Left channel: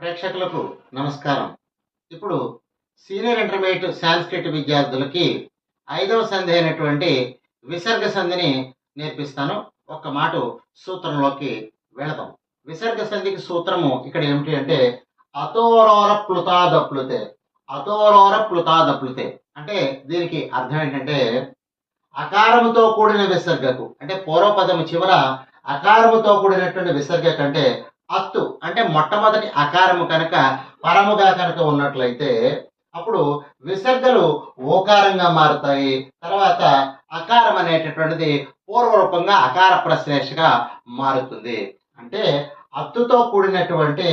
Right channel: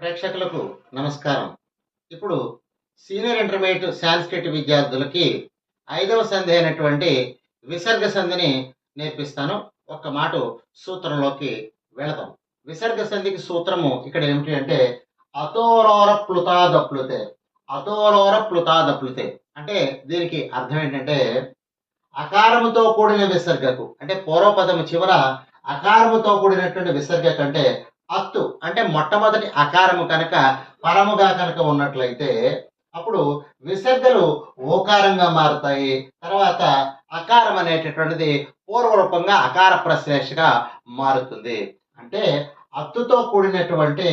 ప్రేక్షకులకు నమస్కారం. ఇప్పుడు సీనియర్ ఇంటర్మీడియట్ సాంస్క్రిట్ విద్యార్థులకి 5వ సంధి అయినటువంటి విసర్గ సంధిని నేర్పిస్తాను. ఒక్క మాట సూత్రంలోకి వెళదాం. విసర్గ సంధికి సూత్రము ఇక్కడ ఏమిటి అంటే అతోరోర ప్లుతాదప్లుతే. అతోరోర ప్లుతాదప్లుతే అంటే దీనికి అర్థం ఏంటంటే అకారముతో కూడిన విసర్గకు అంటే పూర్వపదము చివర అకారముతో కూడినటువంటి విసర్గ కంటే అత్తు అంటే మొట్టమొదటి అకారము కనుక పరముగా కనుక ఉన్నట్లయితే అప్పుడు విసర్గలు ఓకారంగా మారుతాయి. తర్వాత అకారం అనేటటువంటిది పూర్వరూపంగా అకార ప్రశ్లేషగా మారుతుంది. అంటే అత్తుతో కూడినటువంటి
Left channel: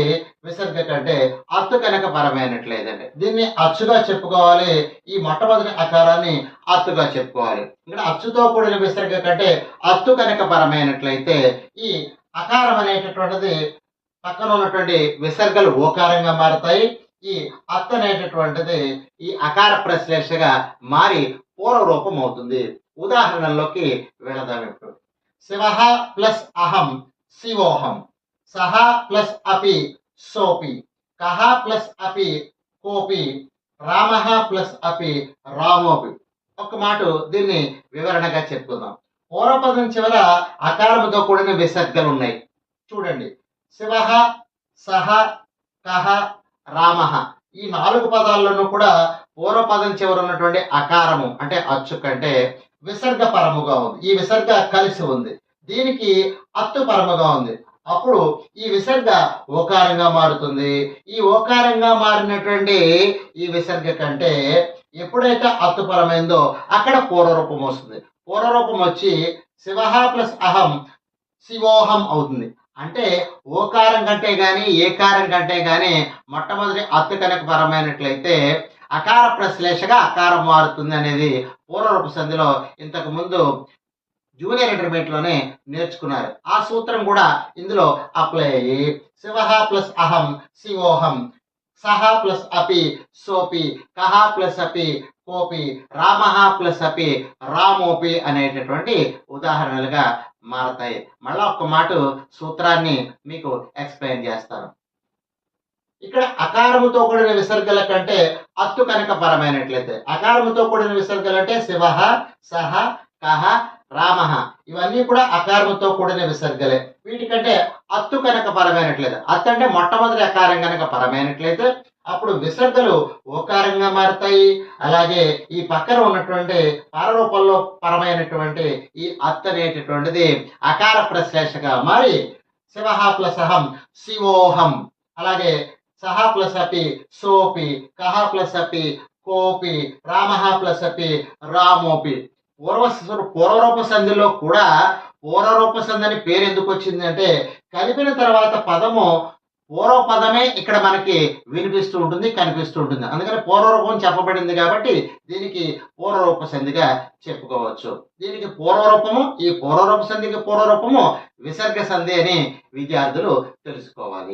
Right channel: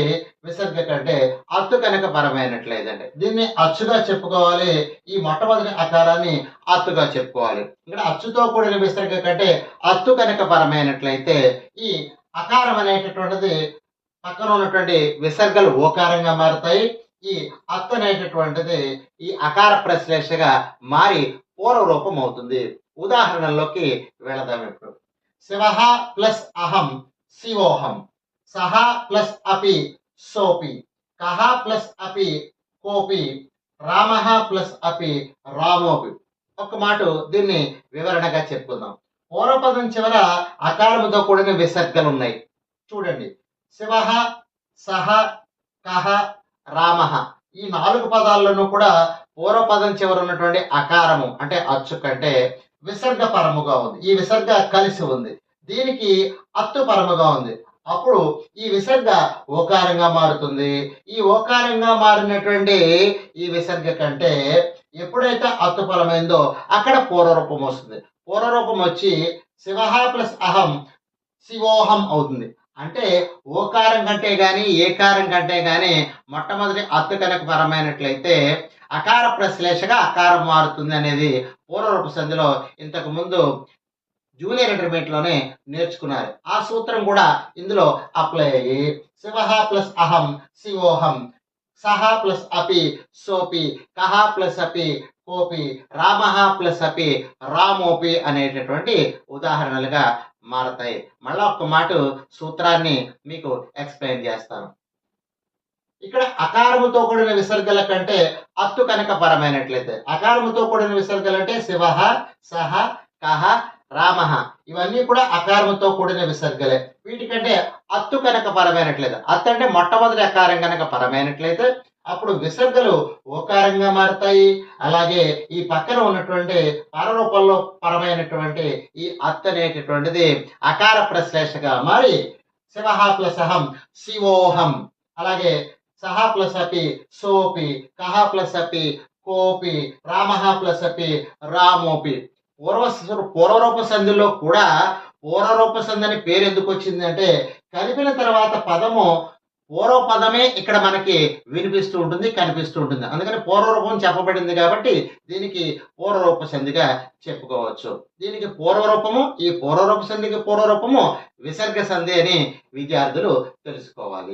విసర్గ కంటే అత్తు కనుక పరమైనట్లేదండి. దీన్ని అచ్చుగా చెప్పుకోవాలి. ఈ మొట్టమొదటి అకారాన్ని అత్తుగా చెప్పుకోవాలి. ఇక్కడ అచ్చుతో కూడిన విసర్గ కంటే అత్తు కనుక పరమైనట్లయితే ఈ అకారం అనేటటువంటిది పక్కన ఉన్నటువంటి విసర్గలు ఓకారంగా మారుతాయి. ఈ అత్తు అనేటటువంటిది ఈ అకార ప్రశ్లేషగా మారి పూర్వరూపం అవుతుంది. ఉదాహరణలోకి వెళదాం. ఇప్పుడు శివః ప్లస్ అహం శివోహం, సహ ప్లస్ అపి సోపి, కహ ప్లస్ అపి కోపి, రామః ప్లస్ అపి రామోపి. ఒక మాట దీన్ని వివరణగా చెప్పుకుందాం. పూర్వపదం చివర అకారముతో కూడిన విసర్గలు ఉన్నాయి. చూడండి, శివః, సహ, కహ, రామః ఈ 4 పదాల్లోనూ కూడా పూర్వపదం చివర ఉన్నటువంటి అకారము అంటే అచ్చు కంటే విసర్గ పరముగా ఉంది. ఈ విసర్గ కలిసి ఉంది. దీనికి అత్తు పరముగా ఉంది. అప్పుడు ఈ విసర్గ ఓకారంగా మారుతుంది. ఈ ఓకారంగా మారినటువంటి ఈ విసర్గ కంటే ఎప్పుడైతే అత్తు పరమైందో అక్కడ పూర్వరూపం వస్తుంది. పూర్వరూపం వచ్చి శివః ప్లస్ అహం శివోహం అవుతుంది. అంటే ఓకారం కంటే గాని ఏకారం కంటే గాని మొట్టమొదటి అత్తు కనుక పరమైనట్లయితే అకార ప్రశ్లేషగా అకారం మారుతుంది అనేది పూర్వరూప సంధిలో ఇంతకు ముందు జూనియర్ ఇంటర్మీడియట్ లోనే నేర్చుకున్నారు. ఆ సూత్రం కూడా ఇందులో అప్లై అయ్యి శివః ప్లస్ అహం శివోహం, సహ ప్లస్ అపి సోపి, కహ ప్లస్ అపి కోపి, రామః ప్లస్ అపి రామోపి అనేటటువంటి ఉదాహరణలుగా మారతాయి. మళ్ళా ఒక్క మాట సూత్రాన్ని మీకు ఎక్స్ప్లెయిన్ చేస్తాను. ఇక్కడ అకారముతో కూడిన విసర్గల కంటే అత్తు కనుక పరమైనట్లయితే అకారముతో కూడిన విసర్గలు అంటే శివః, సహ, కహ, రామః ఇవన్నీ కూడా అకారముతో కూడిన విసర్గలే. వీటికంటే అత్తు కనుక పరమైనట్లయితే అత్తు అంటే మొట్టమొదటి అకారం కనుక పరమైనట్లయితే అప్పుడు విసర్గలు ఓకారంగా మారుతాయి. అలాగే ఈ పక్కన ఉన్నటువంటి పరరూపంలో పరమైనటువంటి ఈ అత్తు అనేటటువంటిది అకార ప్రశ్లేషగా మారి శివః ప్లస్ అహం శివోహం, అలాగే సహ ప్లస్ అపి సోపి, కహ ప్లస్ అపి కోపి, రామః ప్లస్ అపి రామోపి. పూర్వరూప సంధిలో కూడా పూర్వరూప సంధి అని పేరు ఎందుకు వచ్చిందంటే కలిపిన తర్వాత పదము పూర్వపదమే ఇక్కడ మనకి వినిపిస్తూ ఉంటుంది, కనిపిస్తూ ఉంటుంది. అందుకని పూర్వరూపం చెప్పబడింది కాబట్టి దీనికి పూర్వరూప సంధిగా చెప్పుకోవచ్చు. దీనికి పూర్వరూపము, ఈ పూర్వరూప సంధికి పూర్వరూపము విసర్గ సంధి అని విద్యార్థులు తెలుసుకోవాలి.